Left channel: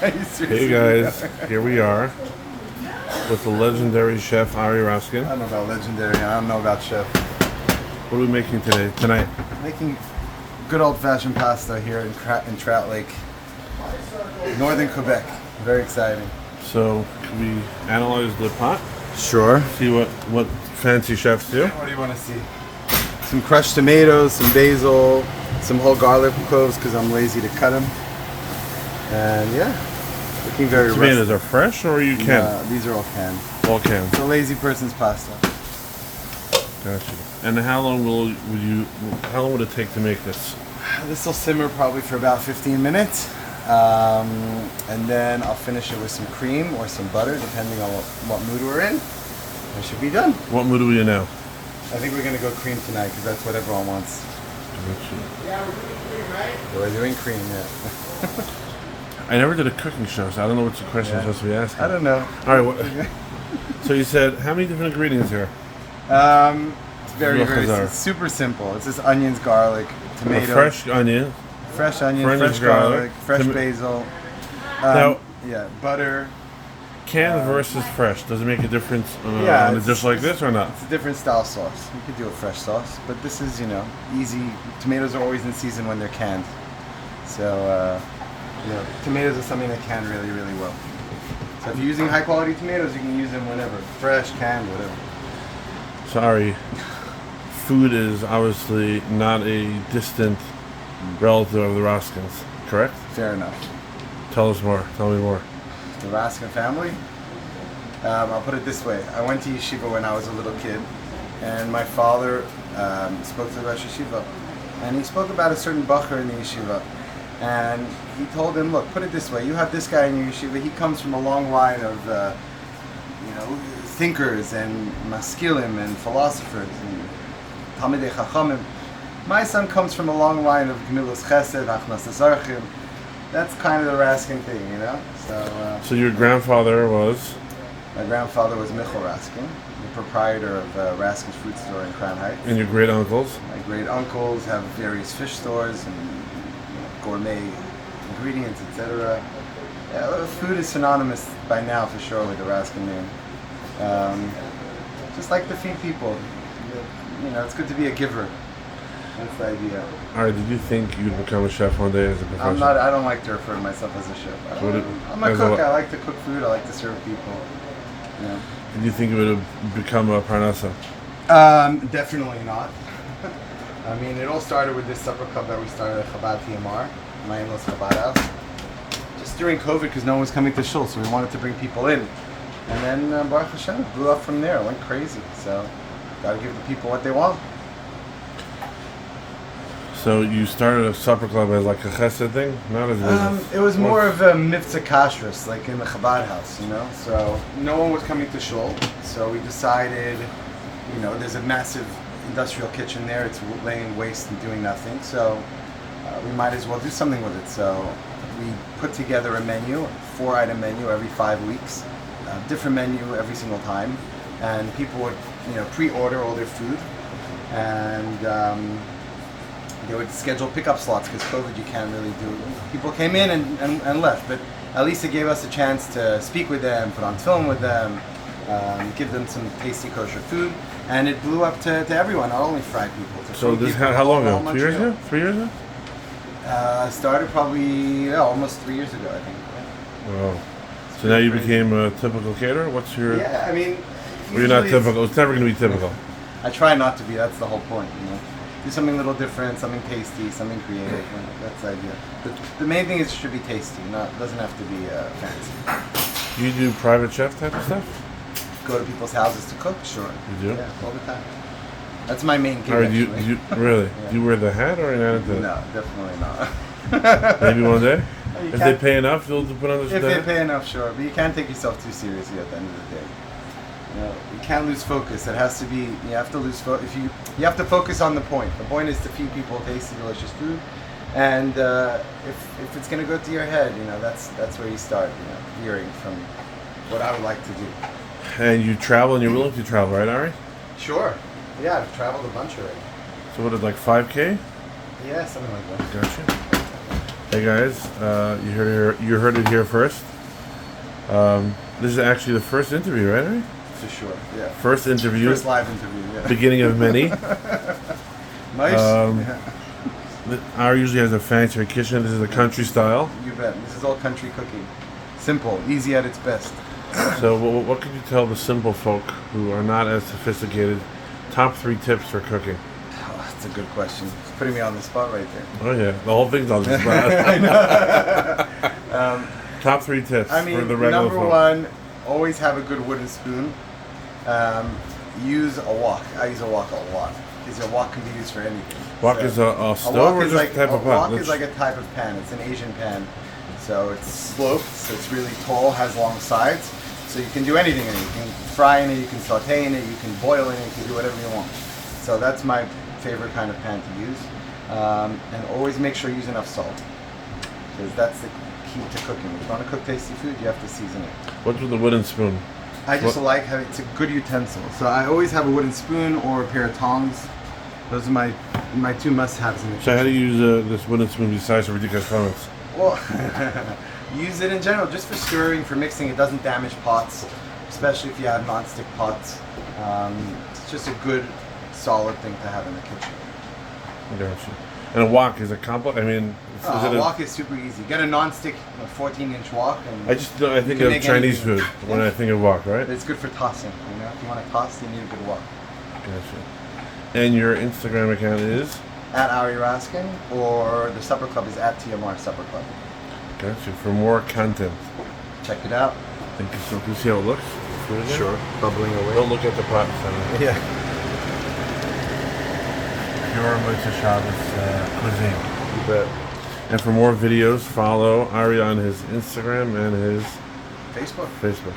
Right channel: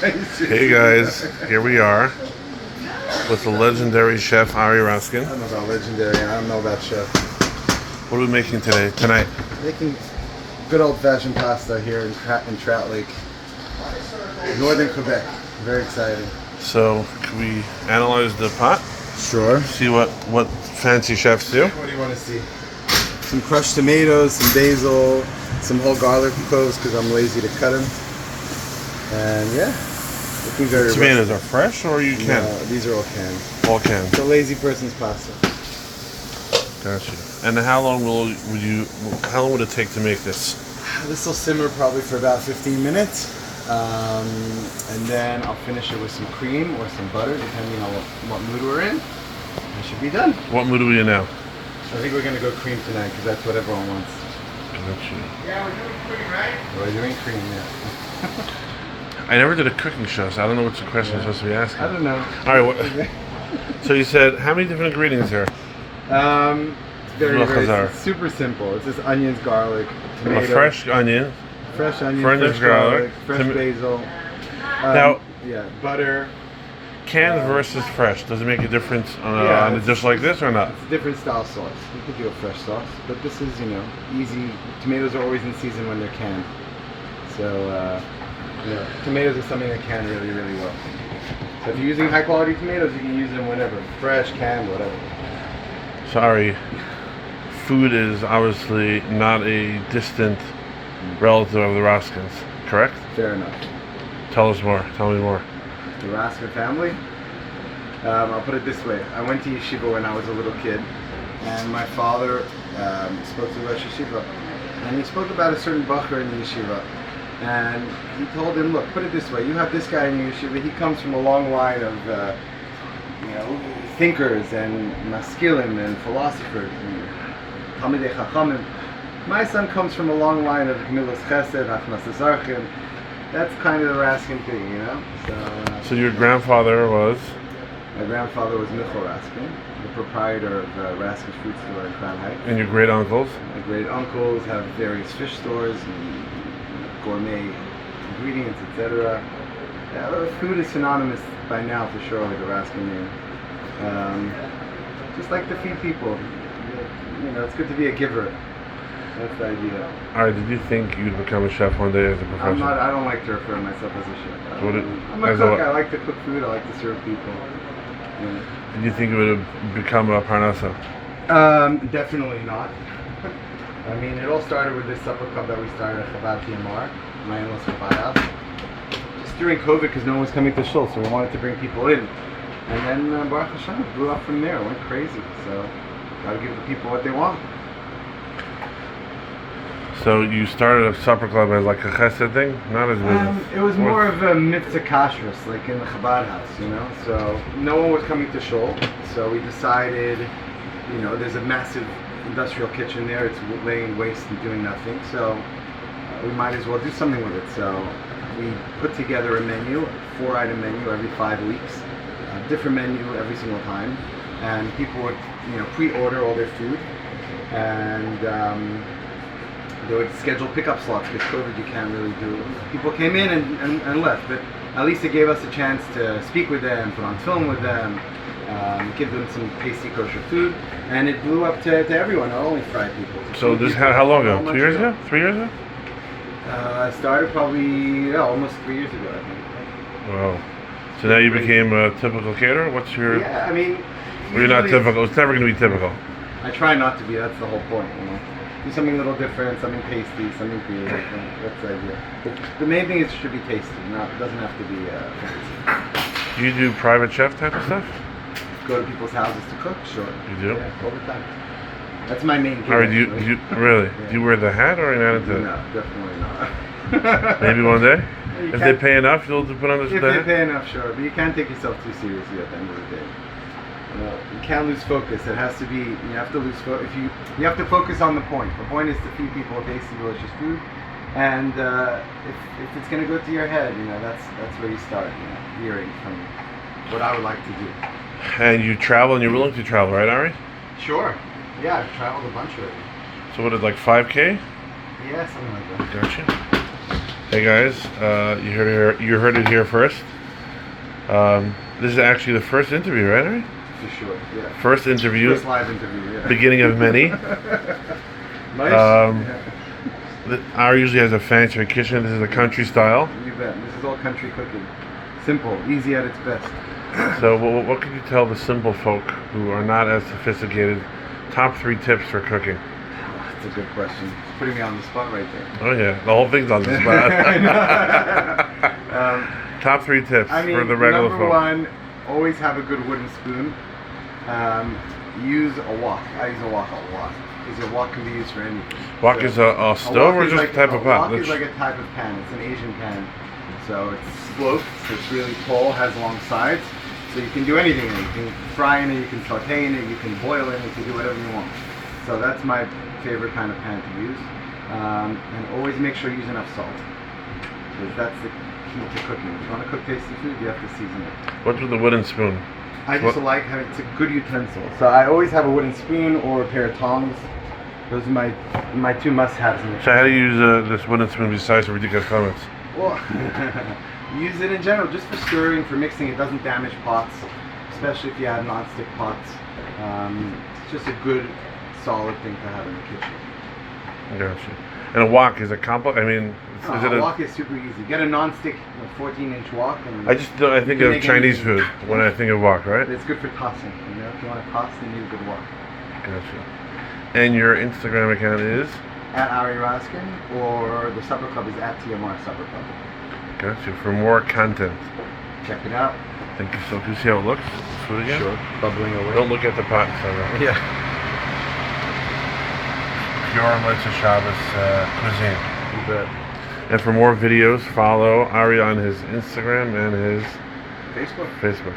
Hey guys, here we are with the legendary chef Ari Raskin. I don't know about legendary. I don't know about chef. What are we making tonight? Making good old-fashioned pasta here in Trout Lake, northern Quebec. Very exciting. So, can we analyze the pot? Sure. See what fancy chefs do? What do you want to see? Some crushed tomatoes, some basil, some whole garlic cloves because I'm lazy to cut them. And yeah, looking very. Tomatoes are fresh or you can? These are all canned. All canned. It's a lazy person's pasta. Gotcha. And how long would it take to make this? This will simmer probably for about 15 minutes. And then I'll finish it with some cream or some butter, depending on what mood we're in. That should be done. What mood are we in now? I think we're going to go cream tonight because that's what everyone wants. Gotcha. Yeah, we're doing cream, right? We're doing cream, yeah. I never did a cooking show, so I don't know what the question I'm supposed to be asking. I don't know. All right. So you said, how many different ingredients here? It's very super simple. It's just onions, garlic, tomato. A fresh onion. Fresh garlic, fresh basil. Now, butter. Canned versus fresh. Does it make a difference on a dish like this or not? It's a different style sauce. You could do a fresh sauce, but this is, easy. Tomatoes are always in season when they're canned. So, tomatoes are something that can really, really well. So if you're using high quality tomatoes, you can use them whenever. Fresh, canned, whatever. Sorry. Food is obviously not a distant relative of the Raskins, correct? Fair enough. Tell me more. The Raskin family? I'll put it this way. I went to yeshiva when I was a little kid, and my father spoke to the Rosh Yeshiva, and he spoke about a certain bacher in the yeshiva, and he told him, look, put it this way, you have this guy in your yeshiva, he comes from a long line of thinkers and maskilim and philosophers and talmidei chachamim. My son comes from a long line of gemilas chesed, achnasas archim. That's kind of the Raskin thing, So your grandfather was? My grandfather was Michal Raskin, the proprietor of Raskin's Fruit Store in Crown Heights. And your great uncles? My great uncles have various fish stores and gourmet ingredients, etc. Food is synonymous by now for sure with the Raskin name. Just like to feed people. It's good to be a giver. That's the idea. Alright, did you think you'd become a chef one day as a professional? I don't like to refer to myself as a chef. I'm a cook. I like to cook food. I like to serve people. Yeah. Did you think it would have become a parnasa? Definitely not. I mean, it all started with this supper club that we started at Chabad TMR, my in-laws Chabad house. Just during COVID, because no one was coming to shul, so we wanted to bring people in. And then Baruch Hashem blew up from there. It went crazy. So, got to give the people what they want. So you started a supper club as like a chesed thing, not as business. It was more of a mitzvah kashrus, like in the Chabad house, So no one was coming to shul, so we decided, there's a massive industrial kitchen there. It's laying waste and doing nothing, so we might as well do something with it. So we put together a menu, 4-item menu every 5 weeks, a different menu every single time, and people would, pre-order all their food, and they would schedule pickup slots because COVID you can't really do. People came in and left, but at least it gave us a chance to speak with them, put on film with them, give them some tasty kosher food, and it blew up to everyone, not only fried people. So this how long ago? 2 years ago? 3 years ago? I started probably almost 3 years ago, I think. Wow. So now you became a typical caterer? What's your... Yeah, I mean... Well, you're not typical. It's never going to be typical. I try not to be. That's the whole point, Do something a little different, something tasty, something creative. That's the idea. But the main thing is it should be tasty. It doesn't have to be fancy. Do you do private chef type of stuff? Go to people's houses to cook? Sure. You do? Yeah, all the time. That's my main gig. All right, do you really? Yeah. Do you wear the hat or not into it? No, definitely not. Maybe one day? If they pay enough, you'll put on this If they pay enough, sure. But you can't take yourself too seriously at the end of the day. You can't lose focus. It has to be. You have to lose focus. You have to focus on the point. The point is to feed people tasty, delicious food, and if it's going to go to your head, that's where you start. Veering from what I would like to do. And you travel, and you're willing to travel, right, Ari? Sure. Yeah, I've traveled a bunch already. So what is like 5K? Yeah, something like that. Gotcha. Hey guys, you heard it here first. This is actually the first interview, right? Ari? For sure, yeah. First interview. First live interview, yeah. Beginning of many. Nice. Ari usually has a fancier kitchen. This is a country style. You bet. This is all country cooking. Simple, easy at its best. So what could you tell the simple folk who are not as sophisticated? Top 3 tips for cooking. That's a good question. It's putting me on the spot right there. Oh yeah, the whole thing's on the spot. I know. Top 3 tips for the regular number folk. one, always have a good wooden spoon. Use a wok. I use a wok a lot because a wok can be used for anything. Wok is a stove or just a type of pot? A wok is like a type of pan. It's an Asian pan. So it's sloped, so it's really tall, has long sides. So you can do anything in it. You can fry in it, you can saute in it, you can boil in it, you can do whatever you want. So that's my favorite kind of pan to use. And always make sure you use enough salt. Because that's the key to cooking. If you want to cook tasty food, you have to season it. What's with the wooden spoon? I just like having, it's a good utensil. So I always have a wooden spoon or a pair of tongs. Those are my 2 must-haves in the So how do kitchen. you use this wooden spoon besides for ridiculous comments? Well, use it in general, just for stirring, for mixing. It doesn't damage pots, especially if you have non-stick pots. It's just a good, solid thing to have in the kitchen. Gotcha. And a wok is a complex. I mean, is it A wok is super easy. Get a non-stick 14-inch wok. And I think can of make Chinese anything. food when I think of wok, right? It's good for tossing. You know, if you want to toss, then you need a good wok. Gotcha. And your Instagram account is? At Ari Raskin, or the supper club is at TMR Supper Club. Gotcha. For more content. Check it out. Thank you. So can you see how it looks? Food again? Sure. Bubbling away. Don't look at the pot. So Yeah. pure Motzai Shabbos cuisine. You bet. And for more videos, follow Ari on his Instagram and his Facebook. Facebook.